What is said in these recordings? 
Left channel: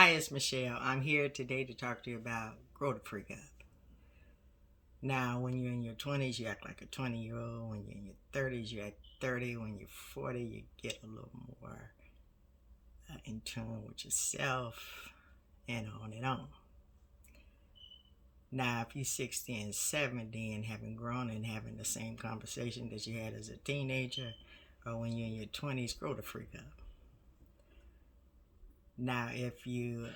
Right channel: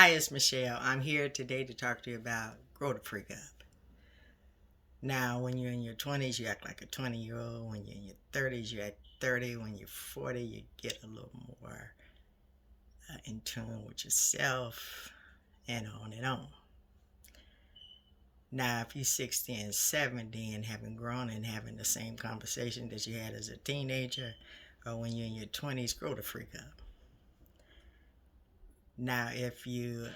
Hi, it's Michelle. I'm here today to talk to you about grow the freak up. Now, when you're in your 20s, you act like a 20-year-old. When you're in your 30s, you act 30. When you're 40, you get a little more in tune with yourself, and on and on. Now, if you're 60 and 70 and haven't grown and having the same conversation that you had as a teenager, or when you're in your 20s, grow the freak up. Now, if you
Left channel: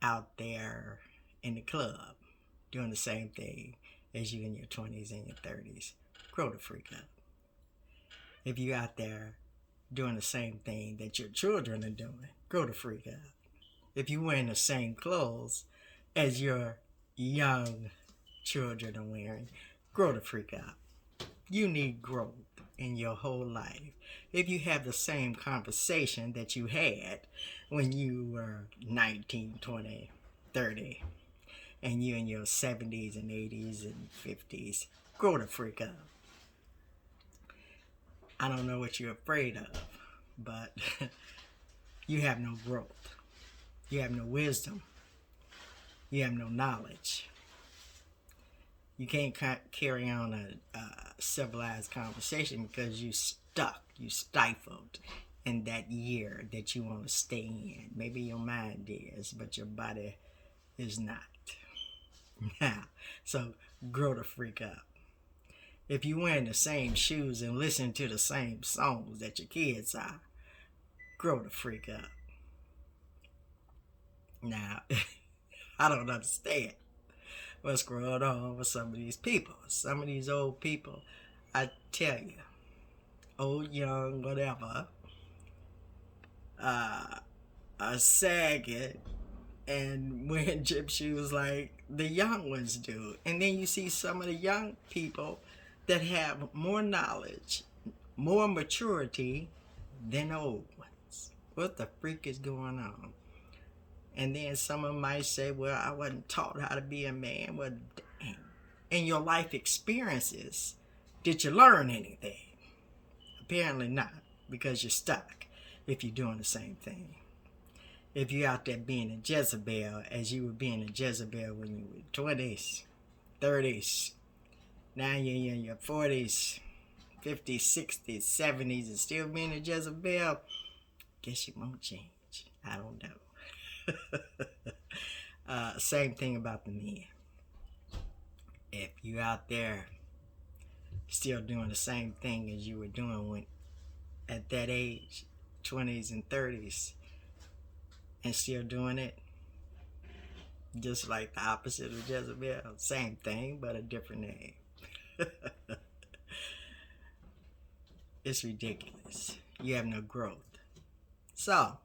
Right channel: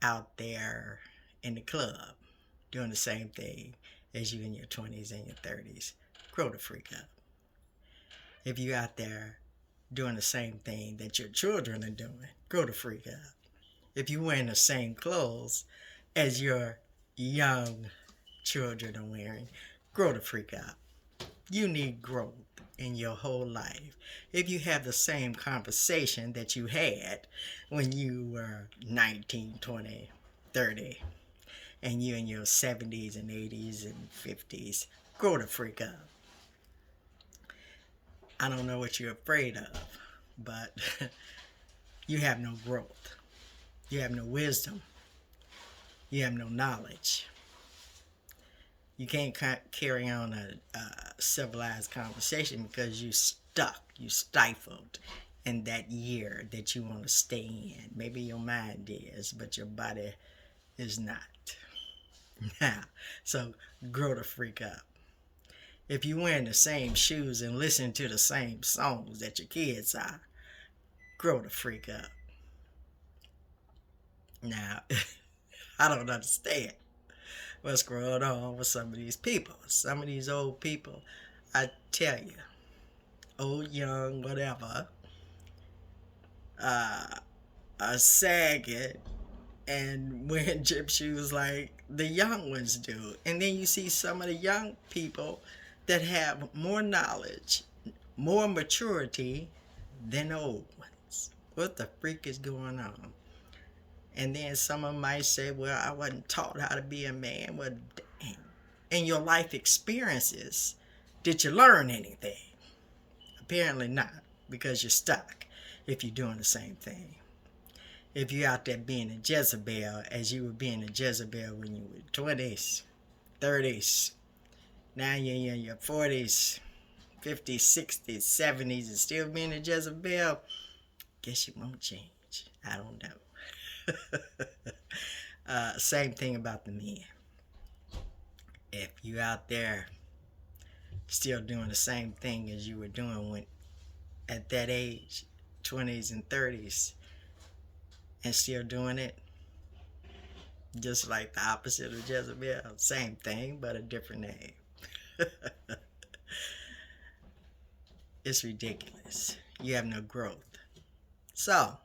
out there in the club doing the same thing as you in your 20s and your 30s, grow the freak up. If you out there doing the same thing that your children are doing, grow the freak up. If you wearing the same clothes as your young children are wearing, grow the freak up. You need growth in your whole life. If you have the same conversation that you had when you were 19, 20, 30, and you're in your 70s and 80s and 50s, grow the freak up. I don't know what you're afraid of, but you have no growth. You have no wisdom. You have no knowledge. You can't carry on a civilized conversation because you stuck, you stifled in that year that you want to stay in. Maybe your mind is, but your body is not. Now, so grow the freak up. If you're wearing the same shoes and listen to the same songs that your kids are, grow the freak up. Now, I don't understand what's going on with some of these people. Some of these old people, I tell you, old, young, whatever, are sagging and wearing gym shoes like the young ones do. And then you see some of the young people that have more knowledge, more maturity than old ones. What the freak is going on? And then some of them might say, well, I wasn't taught how to be a man. Well, dang. In your life experiences, did you learn anything? Apparently not, because you're stuck if you're doing the same thing. If you're out there being a Jezebel as you were being a Jezebel when you were 20s, 30s, now you're in your 40s, 50s, 60s, 70s, and still being a Jezebel, guess you won't change. I don't know. Same thing about the men. If you out there still doing the same thing as you were doing when at that age, 20s and 30s, and still doing it, just like the opposite of Jezebel, same thing but a different name. It's ridiculous. You have no growth. So,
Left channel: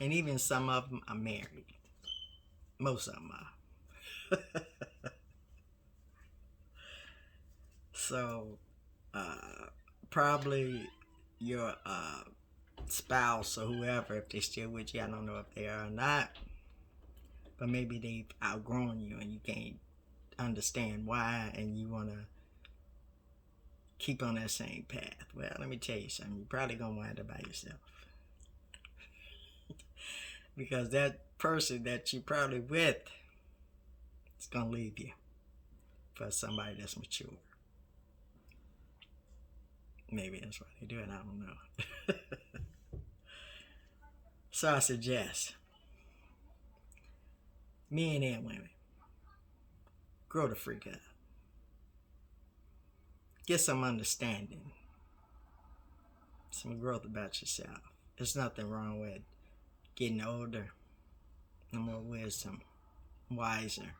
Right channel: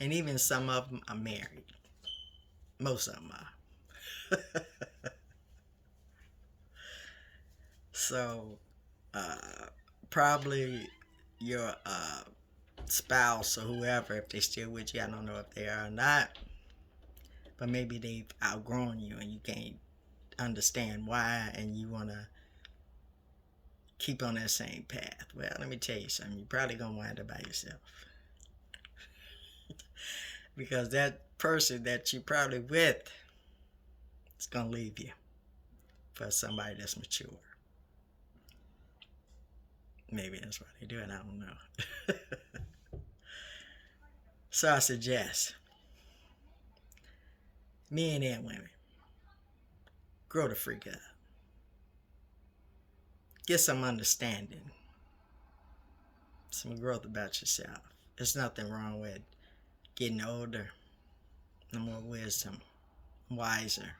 and even some of them are married. Most of them are. So, probably your spouse or whoever, if they're still with you, I don't know if they are or not, but maybe they've outgrown you and you can't understand why, and you want to keep on that same path. Well, let me tell you something. You're probably going to wind up by yourself. Because that person that you're probably with is going to leave you for somebody that's mature. Maybe that's why they do it. I don't know. So I suggest men and women, grow the freak up. Get some understanding, some growth about yourself. There's nothing wrong with getting older, no more wisdom, wiser.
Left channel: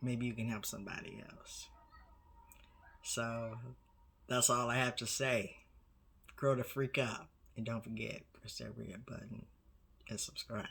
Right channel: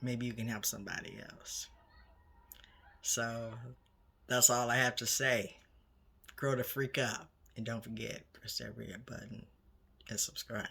Maybe you can help somebody else. So that's all I have to say. Grow the freak up. And don't forget, press that red button and subscribe.